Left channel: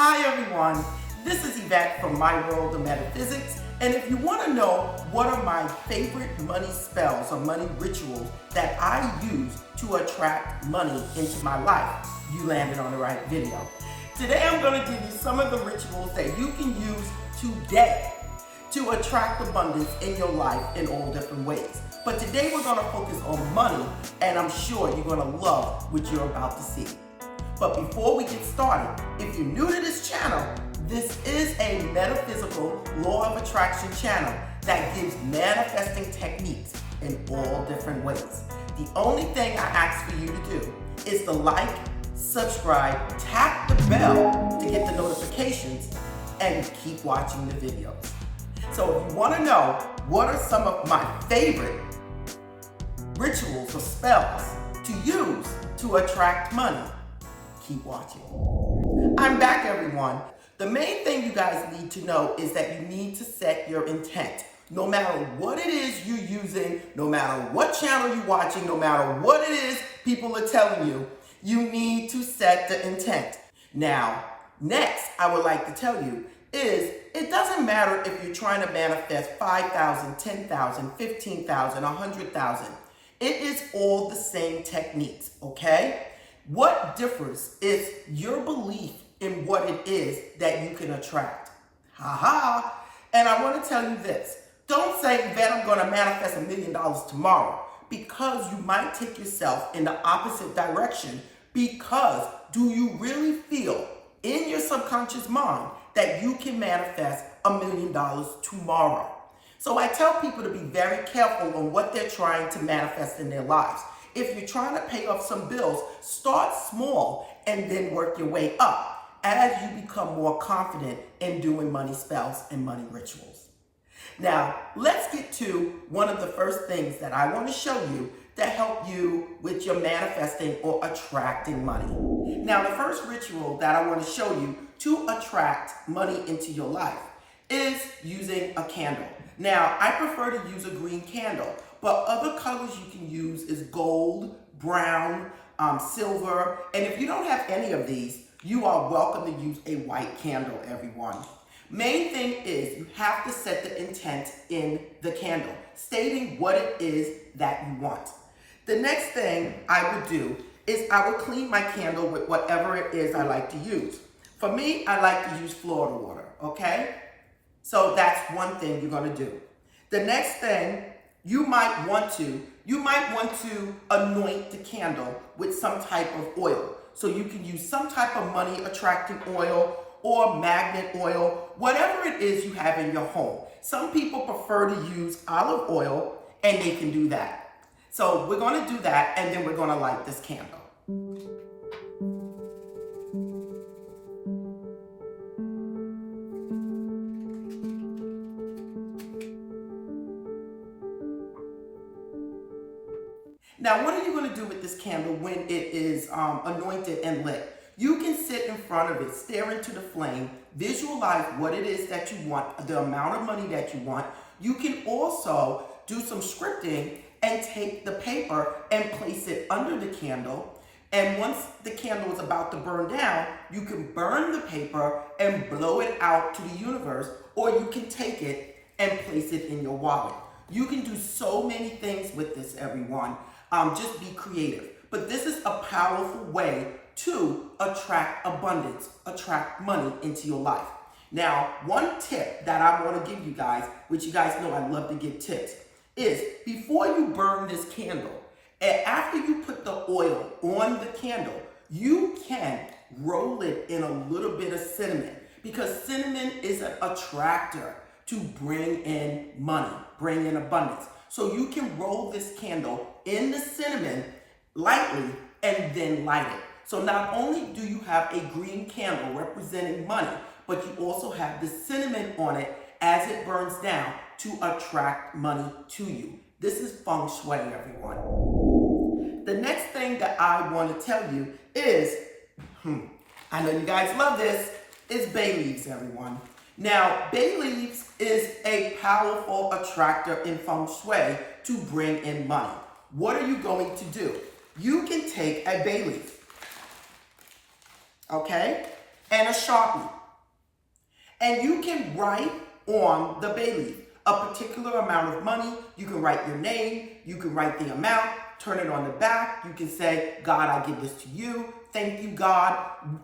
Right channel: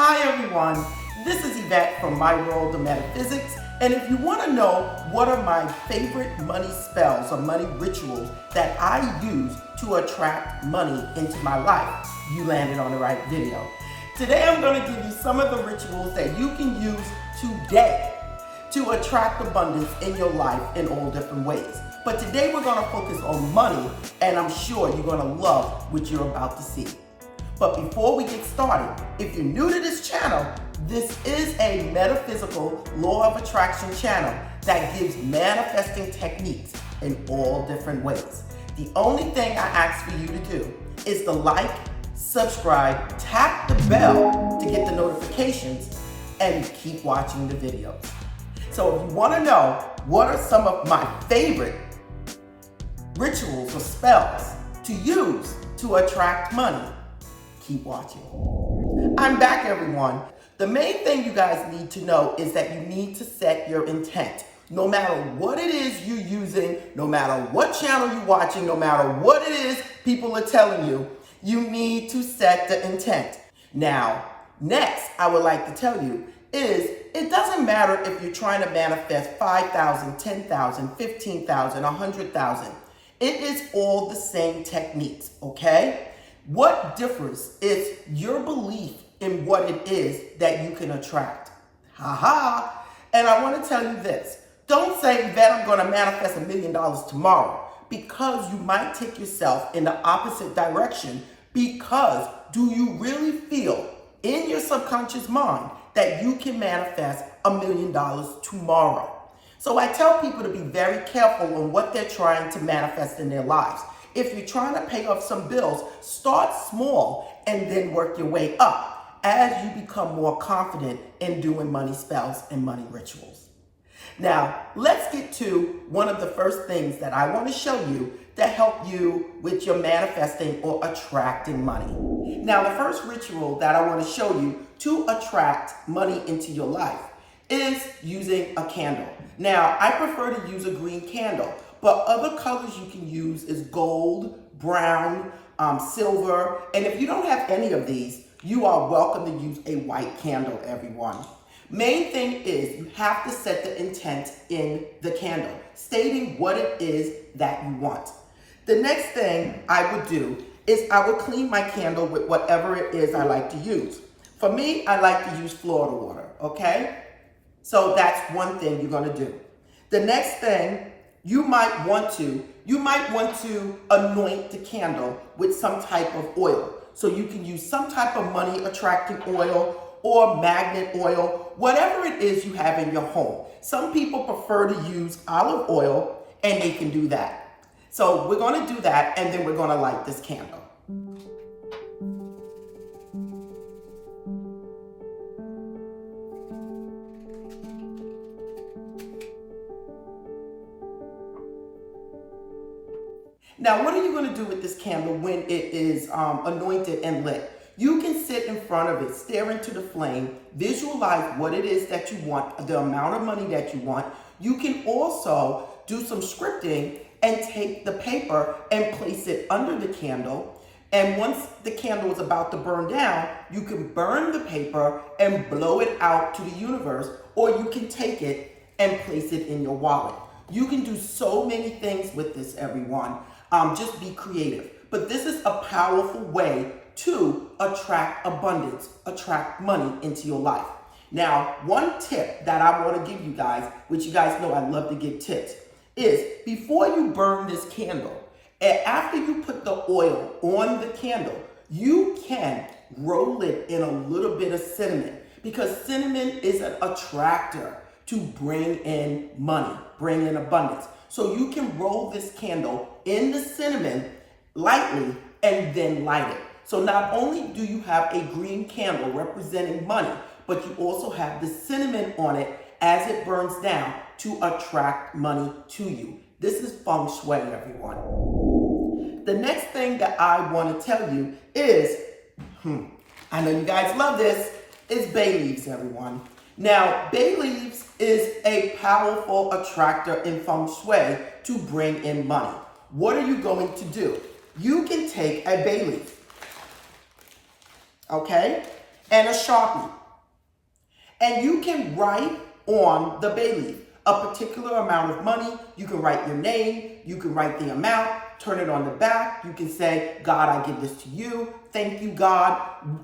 Hi everyone, this is Yvette from My World of Metaphysics, and if you want to know what are my favorite money spells or money rituals that I use to attract money into my life, you landed on the right video. Today I'm going to give you some of the rituals that you can use today to attract abundance in your life in all different ways. But today we're going to focus on money, and I'm sure you're going to love what you're about to see. But before we get started, if you're new to this channel, this is a metaphysical law of attraction channel that gives manifesting techniques in all different ways. The only thing I ask for you to do is to like, subscribe, tap the bell to get the notifications, and keep watching the videos. So if you want to know what are some of my favorite rituals or spells to use to attract money, keep watching. I'm back, everyone. The main thing you guys need to know is that you need to set your intent. No matter what it is you're using, no matter what channel you're watching, no matter what it is people are telling you, you need to set the intent. Now, next, I would like to tell you is it doesn't matter if you're trying to manifest 5,000, 10,000, 15,000, 100,000. It is all the same techniques, okay? What differs is your belief in what it is that you can attract. And I want to tell you this. Don't say that I'm going to manifest $1 million tomorrow, because you might take yourself in the opposite direction. Because do you really feel in your subconscious mind that you can manifest $1 million tomorrow? So I tell people to be very careful on what they're trying to manifest in their lives. If you're trying to pay off some bills, start small and then work your way up as you become more confident in doing money spells and money rituals. Now, let's get to one of the first things that I want to show you that help you with your manifesting or attracting money. Now, the first ritual that I want to show you to attract money into your life is using a candle. Now, I prefer to use a green candle, but other colors you can use is gold, brown, silver, and if you don't have any of these, you are welcome to use a white candle, everyone. Main thing is you have to set the intent in the candle, stating what it is that you want. The next thing I would do is I would clean my candle with whatever it is I like to use. For me, I like to use Florida water, okay? So that's one thing you're gonna do. The next thing, you might want to anoint the candle with some type of oil. So you can use some type of money attracting oil or magnet oil, whatever it is you have in your home. Some people prefer to use olive oil, and they can do that. So we're gonna do that, and then we're gonna light this candle. Now, what are you going to do with this candle when it is anointed and lit? You can sit in front of it, stare into the flame, visualize what it is that you want, the amount of money that you want. You can also do some scripting and take the paper and place it under the candle. And once the candle is about to burn down, you can burn the paper and blow it out to the universe, or you can take it and place it in your wallet. You can do so many things with this, everyone. Just be creative. But this is a powerful way to attract abundance, attract money into your life. Now, one tip that I want to give you guys, which you guys know I love to give tips, is before you burn this candle, and after you put the oil on the candle, you can roll it in a little bit of cinnamon, because cinnamon is an attractor to bring in money, bring in abundance. So you can roll this candle in the cinnamon lightly and then light it. So not only do you have a green candle representing money, but you also have the cinnamon on it as it burns down to attract money to you. This is feng shui, everyone. The next thing that I want to tell you is, I know you guys love this, is bay leaves, everyone. Now, bay leaves is a powerful attractor in feng shui to bring in money. What are you going to do? You can take a bay leaf, okay? and a Sharpie. And you can write on the bay leaf a particular amount of money. You can write your name, you can write the amount, turn it on the back. You can say, God, I give this to you. Thank you, God.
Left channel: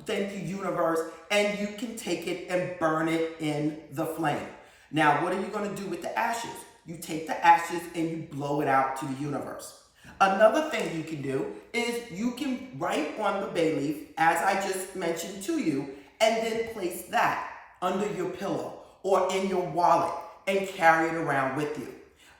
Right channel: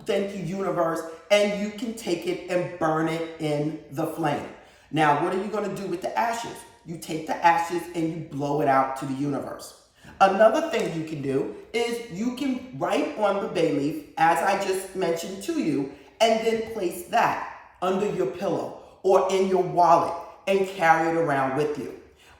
Thank you, universe. And you can take it and burn it in the flame. Now, what are you going to do with the ashes? You take the ashes and you blow it out to the universe. Another thing you can do is you can write on the bay leaf, as I just mentioned to you, and then place that under your pillow or in your wallet and carry it around with you.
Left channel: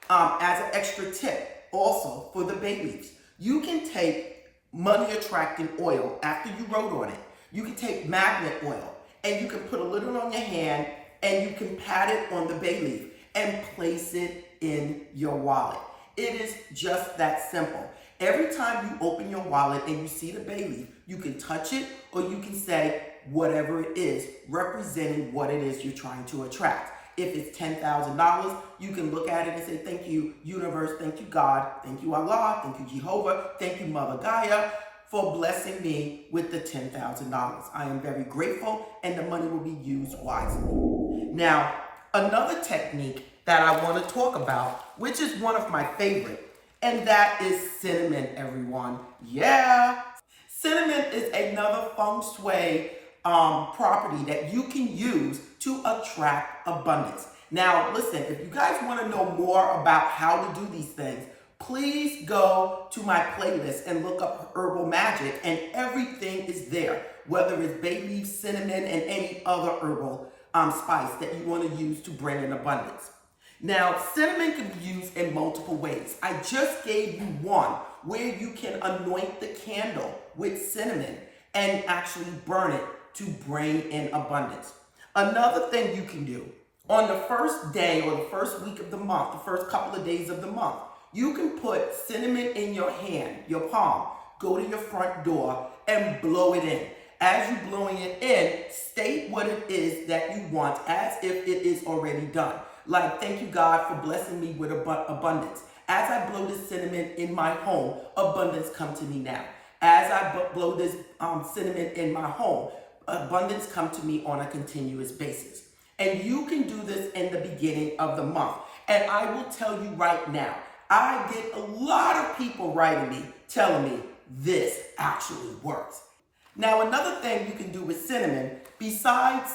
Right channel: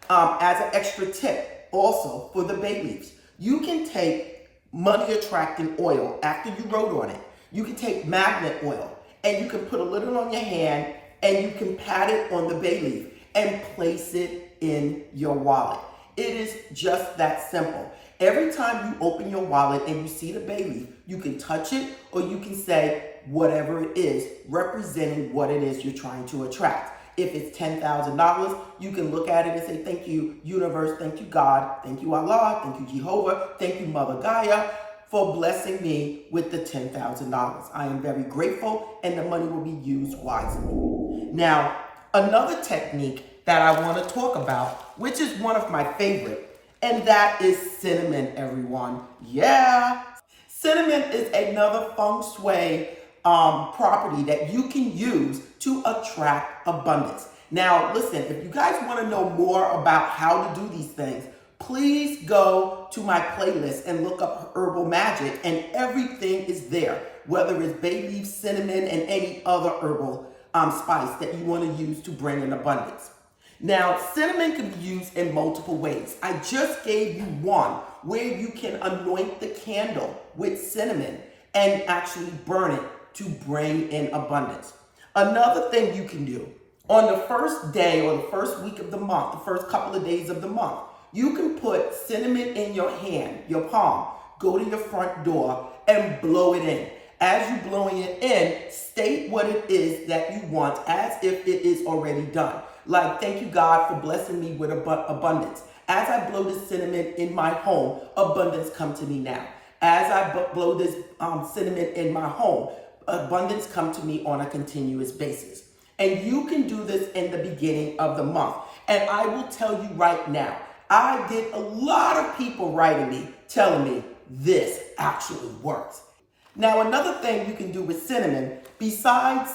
As an extra tip, also for the bay leaves, you can take money attracting oil after you wrote on it. You can take magnet oil and you can put a little on your hand and you can pat it on the bay leaf and place it in your wallet. It is just that simple. Every time you open your wallet and you see the bay leaf, you can touch it or you can say whatever it is, representing what it is you're trying to attract. If it's $10,000, you can look at it and say, thank you, universe, thank you, God, thank you, Allah, thank you, Jehovah, thank you, Mother Gaia, for blessing me with the $10,000. I am very grateful and the money will be used wisely. Now, another technique that I want to talk about, which is one of my favorite, and that is cinnamon, everyone. Yeah, cinnamon is another feng shui property that you can use to attract abundance. Now, listen, if you guys want to know more about how to do these things, please go to my playlist and look up Herbal Magic, and everything is there, whether it's bay leaf, cinnamon, and any other herbal spice that you want to use to bring in abundance. Now, cinnamon can be used in multiple ways. I just gave you one where you can anoint the candle with cinnamon and actually burn it to bring in abundance. Another thing you can do, on the first day or the first week of the month, the first couple of days of the month, you can put cinnamon in your hand, your palm, go to your front door and blow it in. As you're blowing it in, state what it is that you want as if it is already done. Like, thank you, God, for blessing me with abundance. As I blow this cinnamon in my home, abundance come to me now. As I blow this cinnamon in my home, abundance come to me on a continuous basis. And you can do this in the beginning of the month. And I will tell you right now, I get a lot of people writing me, telling me this actually works. Now, another thing you can do with cinnamon, besides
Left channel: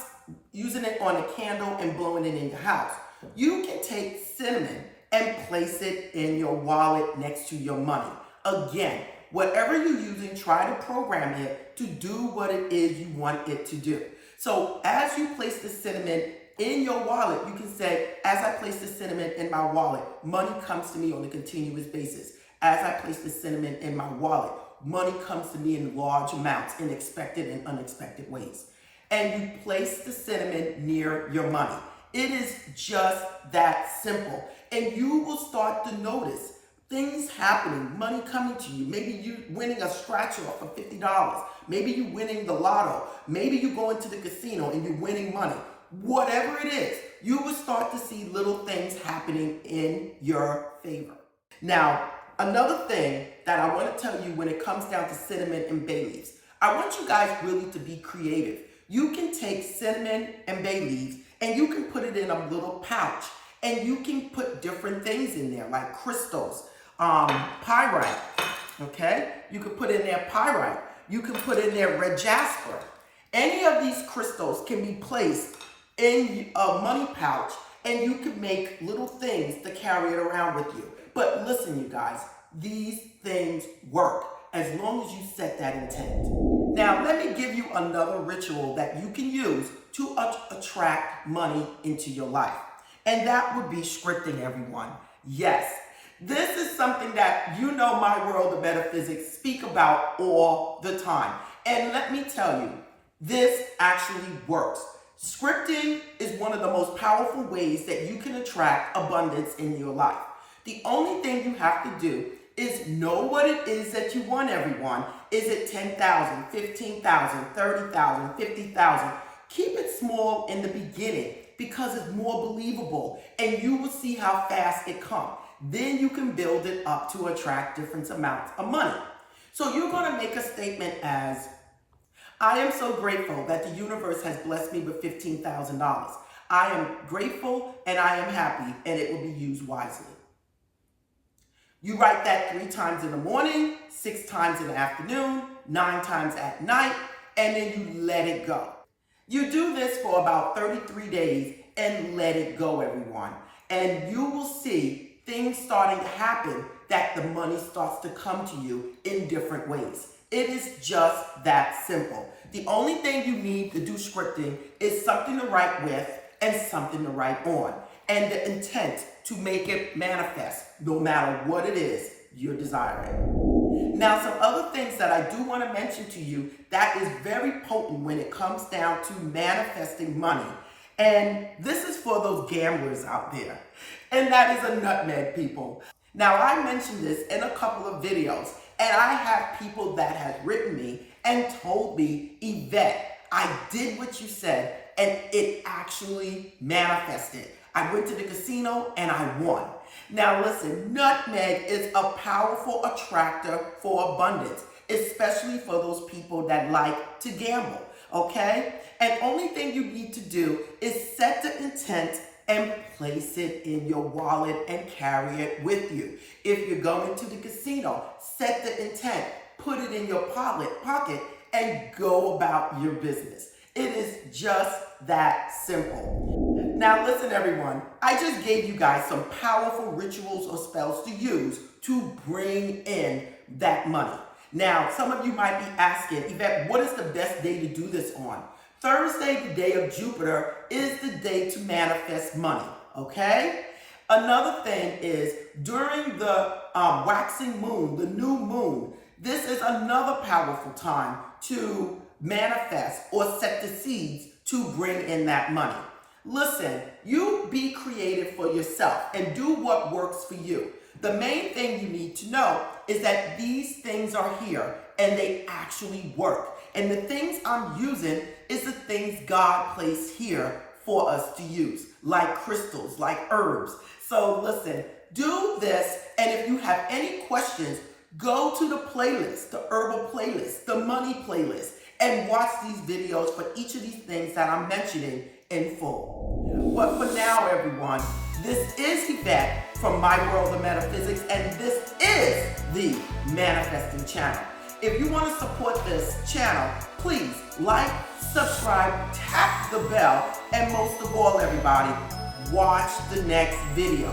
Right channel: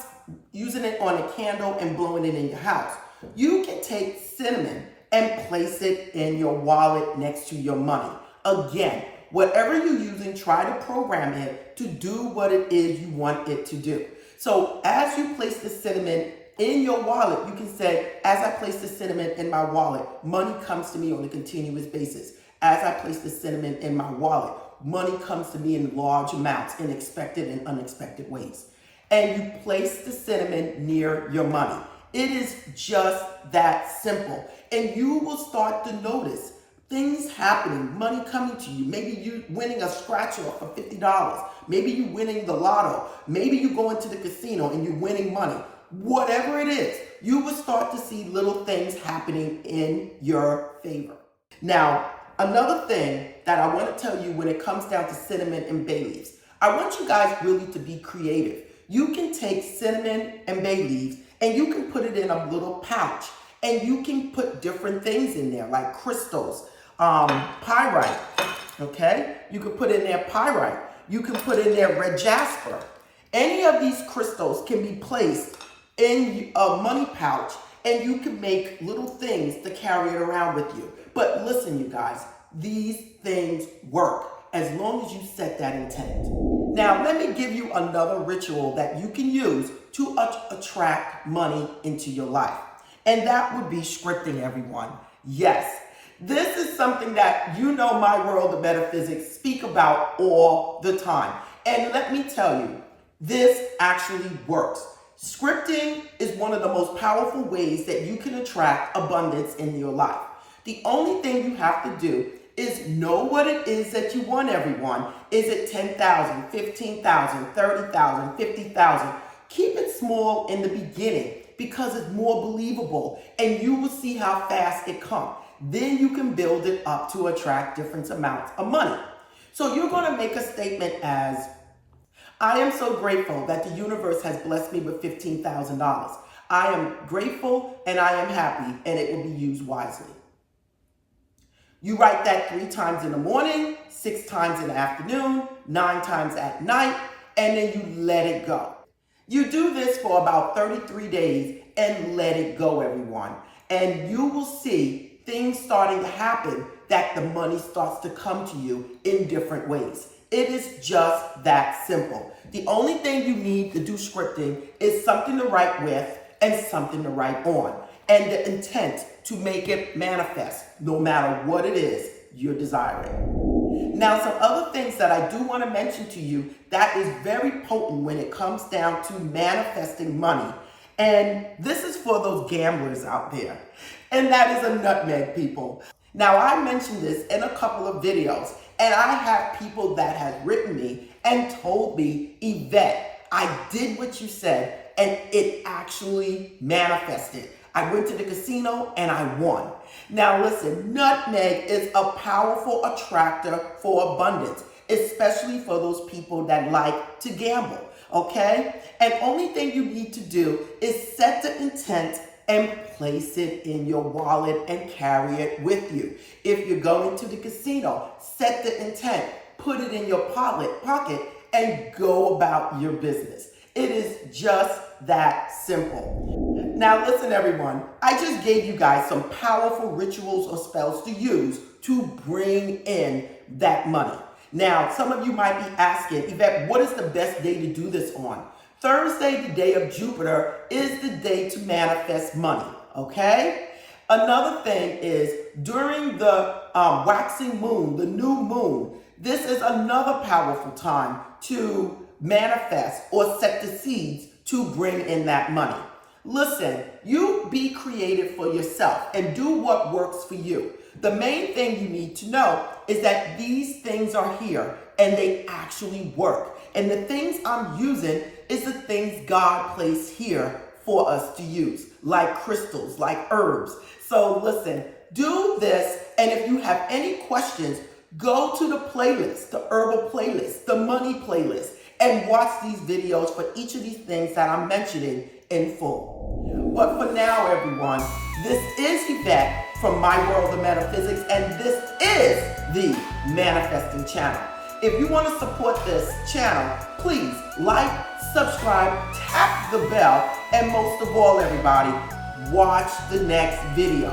using it on a candle and blowing it in your house, you can take cinnamon and place it in your wallet next to your money. Again, whatever you're using, try to program it to do what it is you want it to do. So as you place the cinnamon in your wallet, you can say, as I place the cinnamon in my wallet, money comes to me on a continuous basis. As I place the cinnamon in my wallet, money comes to me in large amounts, in expected and unexpected ways. And you place the cinnamon near your money. It is just that simple. And you will start to notice things happening, money coming to you. Maybe you winning a scratcher for $50. Maybe you winning the lotto. Maybe you go into the casino and you're winning money. Whatever it is, you will start to see little things happening in your favor. Now, another thing that I want to tell you when it comes down to cinnamon and bay leaves, I want you guys really to be creative. You can take cinnamon and bay leaves and you can put it in a little pouch and you can put different things in there like crystals, pyrite, okay? You can put in there pyrite. You can put in there red jasper. Any of these crystals can be placed in a money pouch and you can make little things to carry it around with you. But listen, you guys, these things work as long as you set that intent. Now, let me give you another ritual that you can use to attract money into your life. And that would be scripting, everyone. Yes, this is something that you know my world of metaphysics speak about all the time. And let me tell you, this actually works. Scripting is one of the most powerful ways that you can attract abundance in your life. The only thing you have to do is know what it is that you want, everyone. Is it 10,000, 15,000, 30,000, 50,000? Keep it small in the beginning because it's more believable and you will see how fast it comes. Then you can build it up to attract different amounts of money. So you're going to make a statement as, I am so grateful that the universe has blessed me with $15,000. I am grateful and I am happy, and it will be used wisely. You write that 3 times in the morning, 6 times in the afternoon, 9 times at night, and then you let it go. You do this for about 33 days and let it go, everyone. And you will see things starting to happen, that the money starts to come to you in different ways. It is just that simple. The only thing you need to do scripting is something to write with and something to write on, and the intent to make it manifest no matter what it is you're desiring. Now, some other things that I do want to mention to you that is very potent when it comes down to manifesting money. And this is for those gamblers out there. And that is a nutmeg, people. Now, I mentioned this in a couple of videos, and I have people that have written me and told me, Yvette, I did what you said, and it actually manifested. I went to the casino and I won. Now listen, nutmeg is a powerful attractor for abundance, especially for those people that like to gamble, okay? And only thing you need to do is set the intent and place it in your wallet and carry it with you. If you're going to the casino, set the intent, put it in your pocket, and go about your business. It is just that simple. Now listen, everyone, I just gave you guys some powerful rituals or spells to use to bring in that money. Now, some of you might be asking, Yvette, what is the best day to do this on? Thursday, the day of Jupiter, is the day to manifest money, okay? Another thing is during the waxing moon, the new moon, this is another powerful time to manifest or set the seeds to bring in that money. Listen, you be creative for yourself and do what works for you. The main thing you need to know is that these things are here and they actually work. And the things I'm using is the things God placed here for us to use, like crystals, like herbs. So listen, do this, and if you have any questions, go to the playlist, the herbal playlist, the money playlist, and watch these videos for each of these things that I'm mentioning in full. But for now, everyone, this is Yvette from My World of Metaphysics, and this is the Manifesting Channel. If you want to support this channel, please like, subscribe, tap the bell, and most of all, everybody, watch the next video.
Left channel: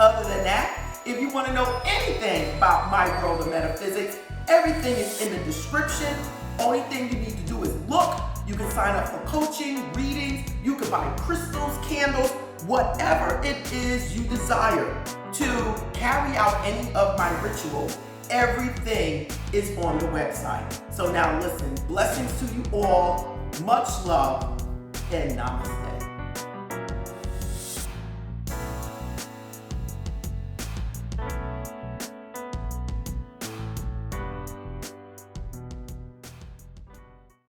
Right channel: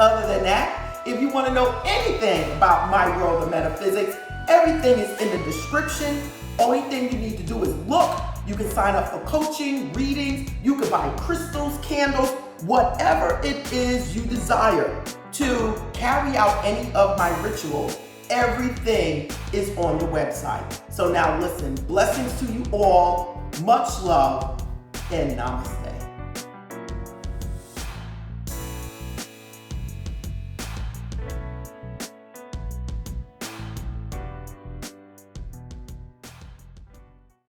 Other than that, if you want to know anything about My World of Metaphysics, everything is in the description. Only thing you need to do is look. You can sign up for coaching, readings, you can buy crystals, candles, whatever it is you desire to carry out any of my rituals. Everything is on the website. So now listen, blessings to you all, much love, and namaste.